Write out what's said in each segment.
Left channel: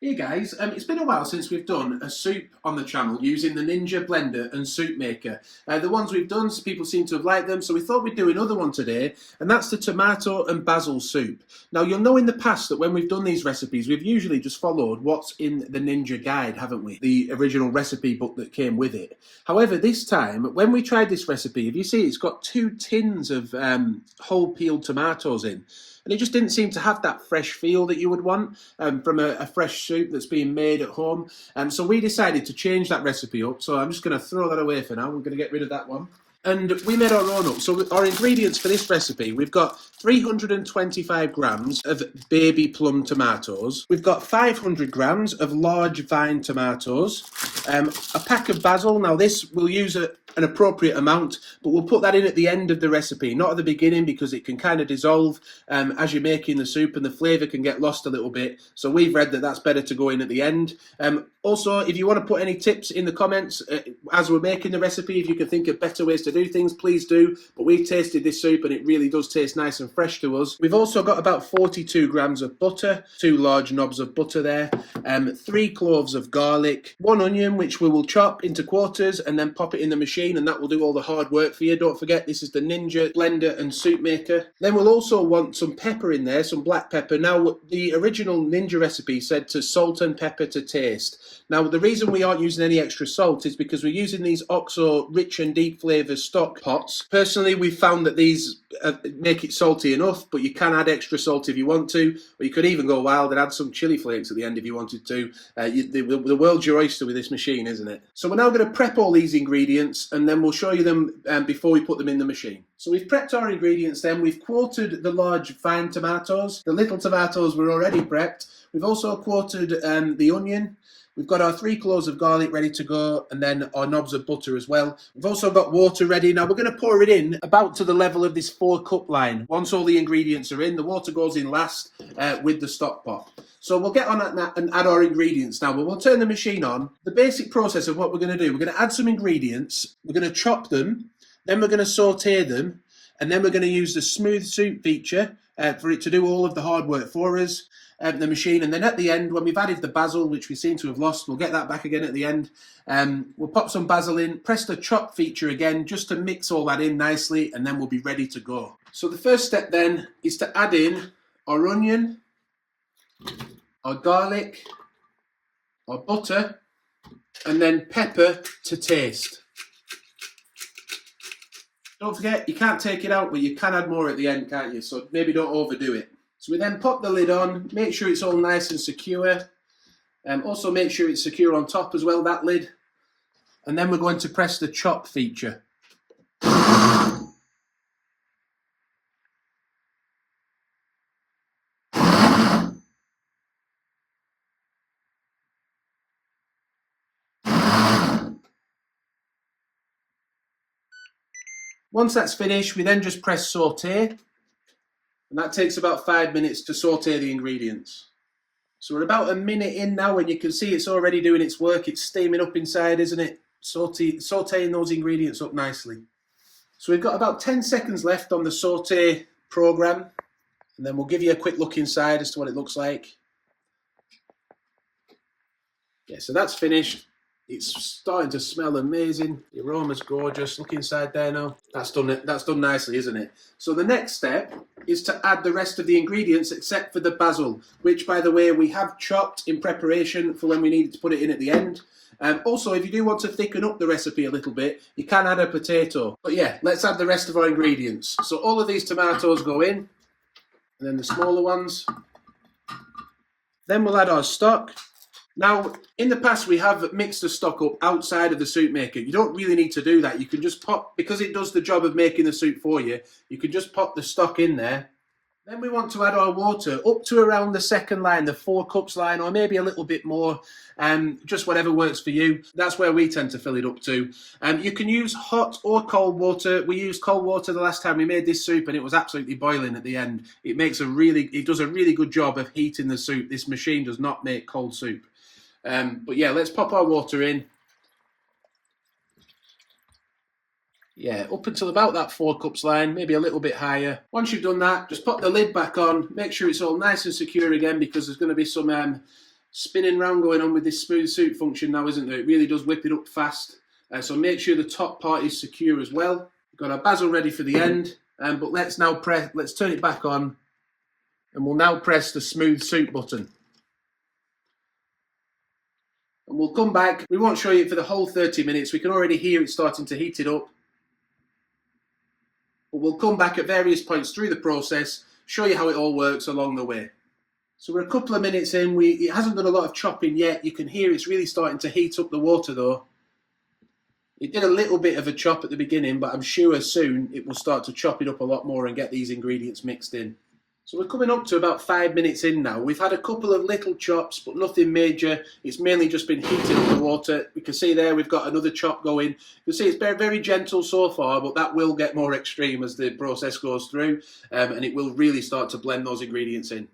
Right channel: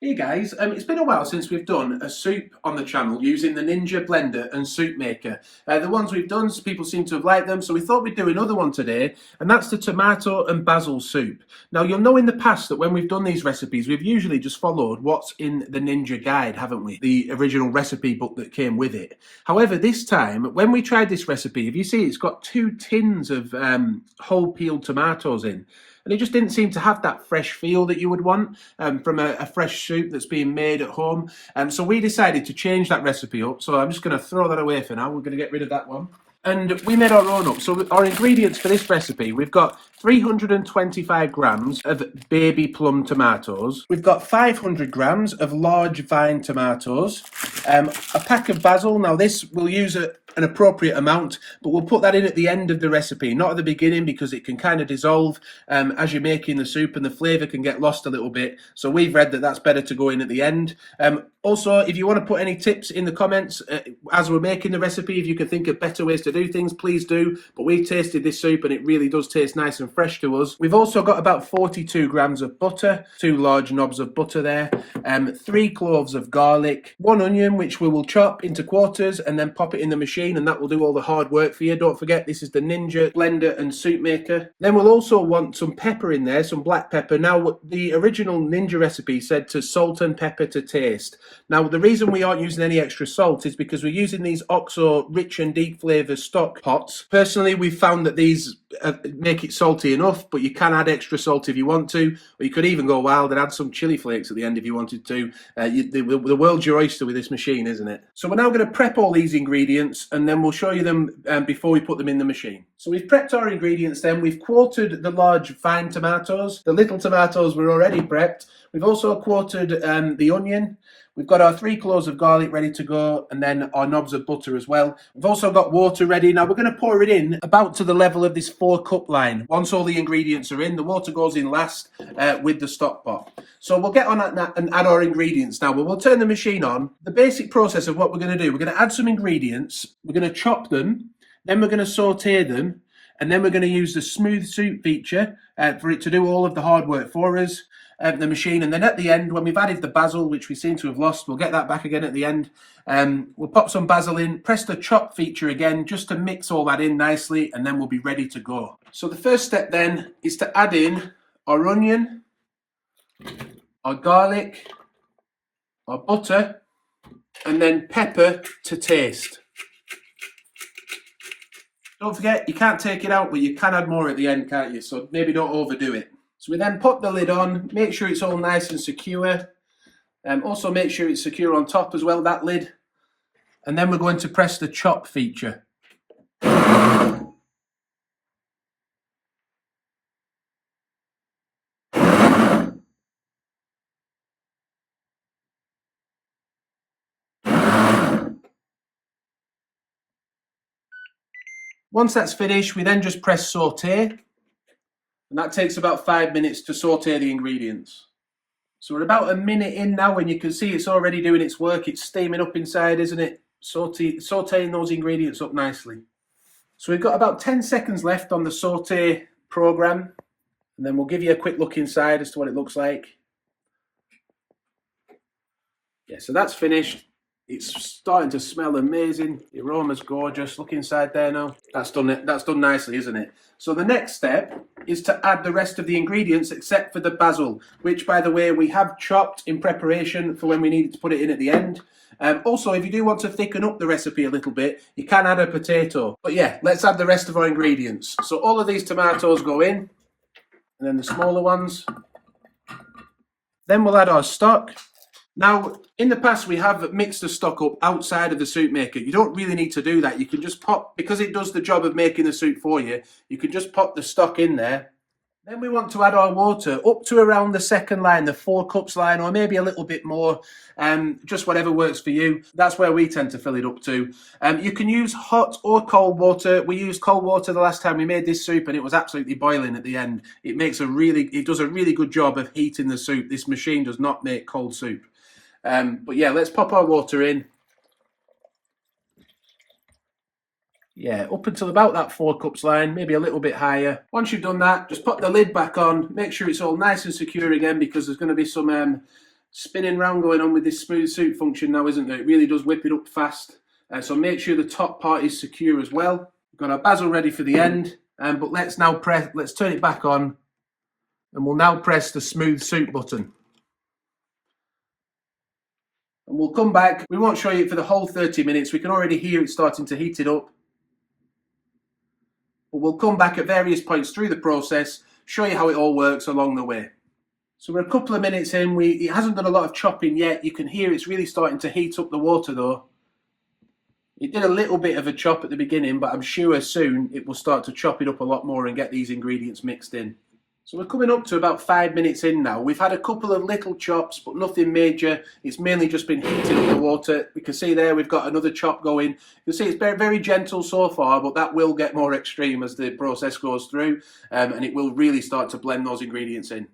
Hey guys, it's been a while since we've done a soup on the channel using the Ninja blender and soup maker. The ones we've done, people seem to have liked them, so we thought we'd do another one today, and that's the tomato and basil soup. Now you'll know in the past that when we've done these recipes, we've usually just followed what's in the Ninja guide, haven't we? The original recipe book that came with it. However, this time, when we tried this recipe, if you see, it's got 2 tins of whole peeled tomatoes in. And it just didn't seem to have that fresh feel that you would want from a fresh soup that's being made at home. So we decided to change that recipe up. So I'm just going to throw that away for now. We're going to get rid of that one. And we made our own up. So our ingredients for this recipe, we've got 325 grams of baby plum tomatoes. We've got 500 grams of large vine tomatoes, a pack of basil. Now this, we'll use an appropriate amount, but we'll put that in at the end of the recipe, not at the beginning, because it can kind of dissolve as you're making the soup and the flavour can get lost a little bit. So we've read that that's better to go in at the end. Also, if you want to put any tips in the comments as we're making the recipe, if you can think of better ways to do things, please do. But we've tasted this soup and it really does taste nice and fresh to us. We've also got about 42 grams of butter, 2 large knobs of butter there, 3 cloves of garlic, 1 onion, which we will chop into quarters and then pop it in the machine, and that will do all the hard work for you. Don't forget, this is the Ninja blender and soup maker. Then we'll also want some pepper in there, some black pepper. Now, the original Ninja recipe said to salt and pepper to taste. Now, the reason we aren't using any extra salt is because we're using these OXO rich and deep flavour stock pots. Personally, we've found that these make it salty enough, but you can add extra salt if you want to, or you could even go wild and add some chili flakes at the end if you wanted to. The world's your oyster with this machine, isn't it? So we're now going to prep all these ingredients, and then we'll show you them before we put them in the machine. So we've prepped our ingredients then. We've quartered the large fine tomatoes. The little tomatoes were already prepped. We've also quartered the onion. We've got our 3 cloves of garlic ready to go, and then our knobs of butter as well. We've also got water ready. Now we're going to pour it in about to the level of this 4-cup line. Once all the ingredients are in, the water goes in last with the stock pot. So we'll get on that and add our ingredients now. We'll turn the machine on. The basic process of what we're going to do, we're going to add some ingredients, we're going to chop them, then we're going to saute them, and then we're going to use the smooth soup feature for it to do all of the hard work for us. The machine, and then at the end, when we've added the basil, which we seem to have lost, we'll get that back again at the end. We'll pop some basil in, press the chop feature again just to mix all that in nicely, and then we'll be ready to go. So the first step then is to add in our onion, our garlic, our butter, and then pepper to taste. Don't forget, you can't take it out, but you can add more at the end, can't you? So maybe don't overdo it. So we then put the lid on, make sure it's all nice and secure. Also make sure it's secure on top as well, that lid. And then we're going to press the chop feature. Once that's finished, we then just press saute. And that takes about 5 minutes to saute the ingredients. So we're about a minute in now, and you can see it's already doing its work. It's steaming up inside, isn't it? Sauteing those ingredients up nicely. So we've got about 10 seconds left on the saute program, and then we'll give you a quick look inside as to what it looks like. Yeah, so that's finished. It's starting to smell amazing. The aroma's gorgeous. Look inside there now. That's done it. That's done nicely, isn't it? So the next step is to add the rest of the ingredients except for the basil, which, by the way, we have chopped in preparation for when we needed to put it in at the end. Also, if you do want to thicken up the recipe a little bit, you can add a potato. But yeah, let's add the rest of our ingredients. So all of these tomatoes go in, and then the smaller ones. Then we'll add our stock. Now, in the past, we have mixed the stock up outside of the soup maker. You don't really need to do that. You can just pop, because it does the job of making the soup for you, you can just pop the stock in there. Then we want to add our water up to around the second line, the 4 cups line, or maybe a little bit more, just whatever works for you. That's where we tend to fill it up to. You can use hot or cold water. We used cold water the last time we made this soup, and it was absolutely boiling at the end. It does a really good job of heating the soup. This machine does not make cold soup. But yeah, let's pop our water in. Yeah, up until about that 4 cups line, maybe a little bit higher. Once you've done that, just put the lid back on. Make sure it's all nice and secure again, because there's going to be some spinning round going on with this smooth soup function now, isn't there? It really does whip it up fast. So make sure the top part is secure as well. We've got our basil ready for the end, but let's turn it back on, and we'll now press the smooth soup button. And we'll come back. We won't show you it for the whole 30 minutes. We can already hear it starting to heat it up. But we'll come back at various points through the process, show you how it all works along the way. So we're a couple of minutes in. It hasn't done a lot of chopping yet. You can hear it's really starting to heat up the water though. It did a little bit of a chop at the beginning, but I'm sure soon it will start to chop it up a lot more and get these ingredients mixed in. So we're coming up to about 5 minutes in now. We've had a couple of little chops, but nothing major. It's mainly just been heating up the water. We can see there we've got another chop going. You can see it's very, very gentle so far, but that will get more extreme as the process goes through, and it will really start to blend those ingredients in.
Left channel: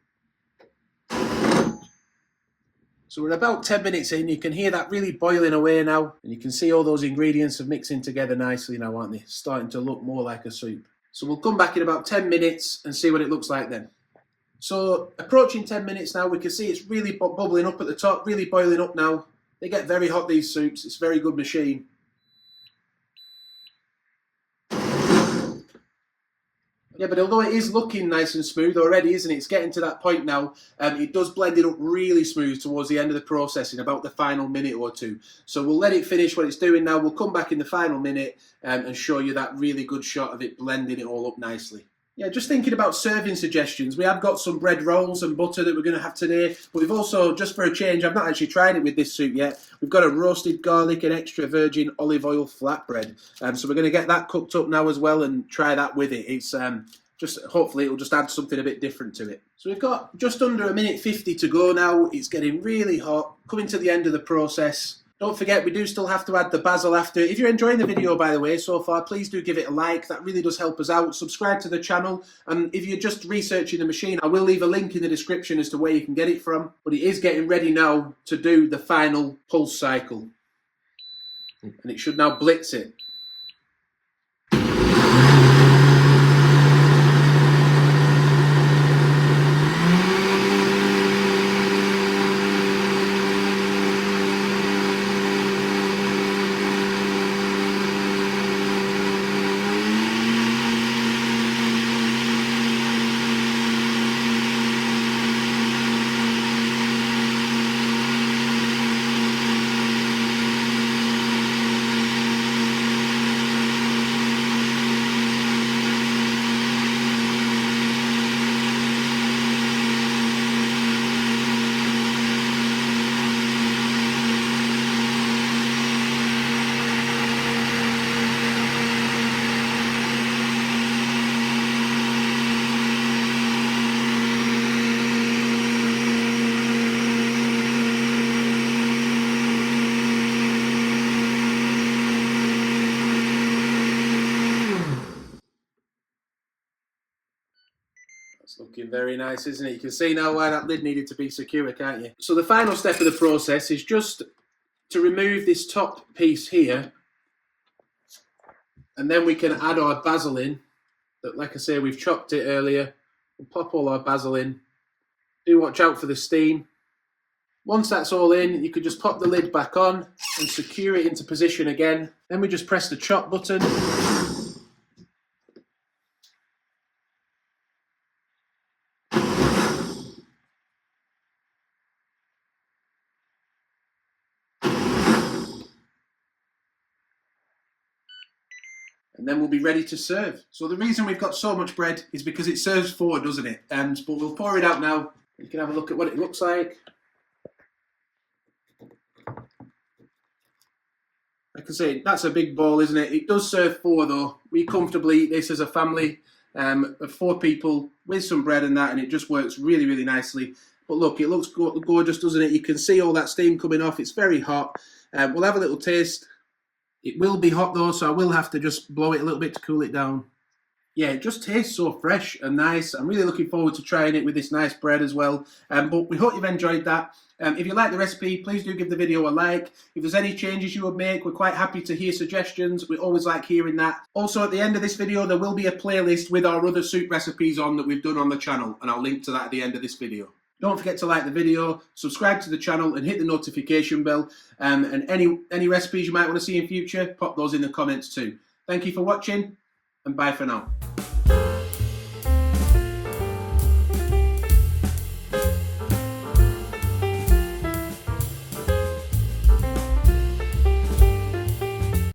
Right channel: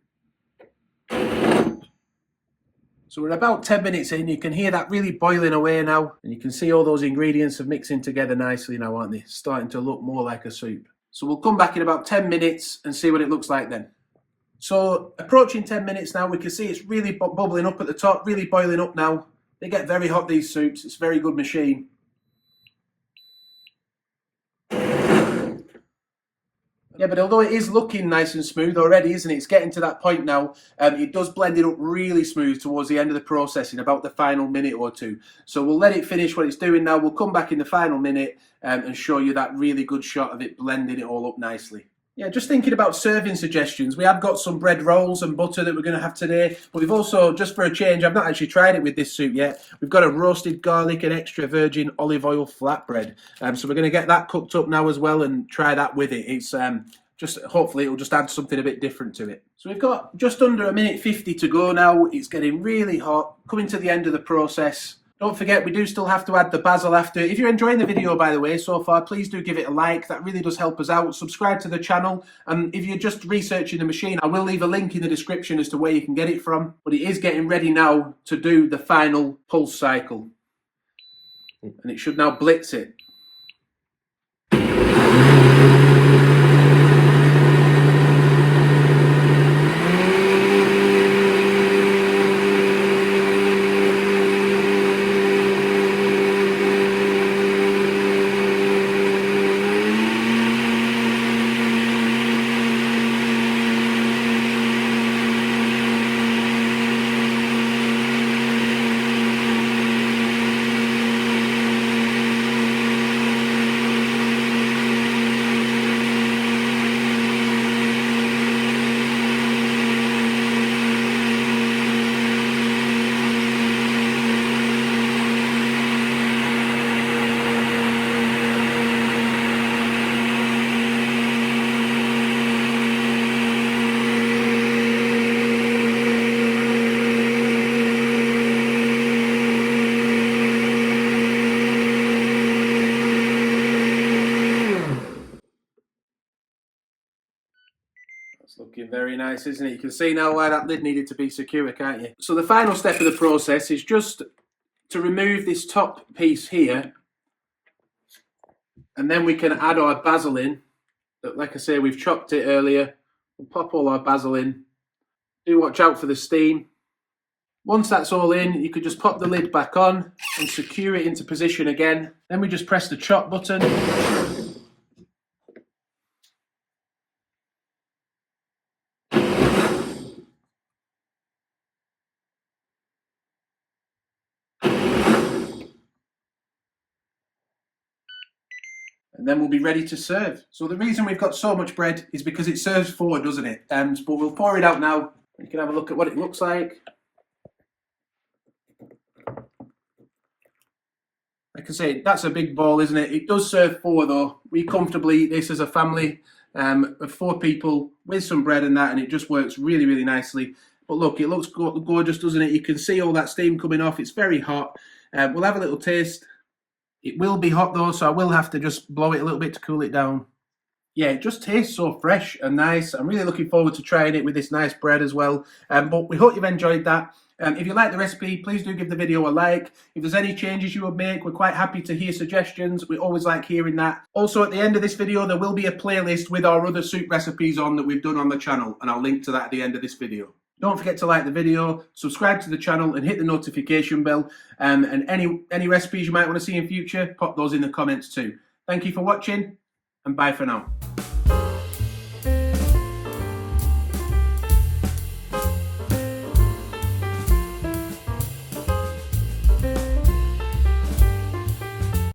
So we're about 10 minutes in. You can hear that really boiling away now, and you can see all those ingredients are mixing together nicely now, aren't they? Starting to look more like a soup. So we'll come back in about 10 minutes and see what it looks like then. So approaching 10 minutes now, we can see it's really bubbling up at the top, really boiling up now. They get very hot, these soups. It's a very good machine. Yeah, but although it is looking nice and smooth already, isn't it? It's getting to that point now. It does blend it up really smooth towards the end of the process in about the final minute or two. So we'll let it finish what it's doing now. We'll come back in the final minute and show you that really good shot of it blending it all up nicely. Yeah, just thinking about serving suggestions. We have got some bread rolls and butter that we're going to have today, but we've also, just for a change, I've not actually tried it with this soup yet, we've got a roasted garlic and extra virgin olive oil flatbread. So we're going to get that cooked up now as well and try that with it. It's just, hopefully it'll just add something a bit different to it. So we've got just under 1:50 to go now. It's getting really hot, coming to the end of the process. Don't forget, we do still have to add the basil after. If you're enjoying the video, by the way, so far, please do give it a like. That really does help us out. Subscribe to the channel. And if you're just researching the machine, I will leave a link in the description as to where you can get it from. But it is getting ready now to do the final pulse cycle. And it should now blitz it. It's looking very nice, isn't it? You can see now why that lid needed to be secure, can't you? So the final step of the process is just to remove this top piece here, and then we can add our basil in. Like I say, we've chopped it earlier. We'll pop all our basil in. Do watch out for the steam. Once that's all in, you could just pop the lid back on and secure it into position again. Then we just press the chop button. And then we'll be ready to serve. So the reason we've got so much bread is because it serves four, doesn't it? But we'll pour it out now. You can have a look at what it looks like. Like I say, that's a big ball, isn't it? It does serve four though. We comfortably eat this as a family of 4 people with some bread and that, and it just works really, really nicely. But look, it looks gorgeous, doesn't it? You can see all that steam coming off. It's very hot. We'll have a little taste. It will be hot though, so I will have to just blow it a little bit to cool it down. Yeah, it just tastes so fresh and nice. I'm really looking forward to trying it with this nice bread as well. But we hope you've enjoyed that. If you like the recipe, please do give the video a like. If there's any changes you would make, we're quite happy to hear suggestions. We always like hearing that. Also, at the end of this video, there will be a playlist with our other soup recipes on that we've done on the channel, and I'll link to that at the end of this video. Don't forget to like the video, subscribe to the channel and hit the notification bell. And any recipes you might want to see in future, pop those in the comments too. Thank you for watching and bye for now.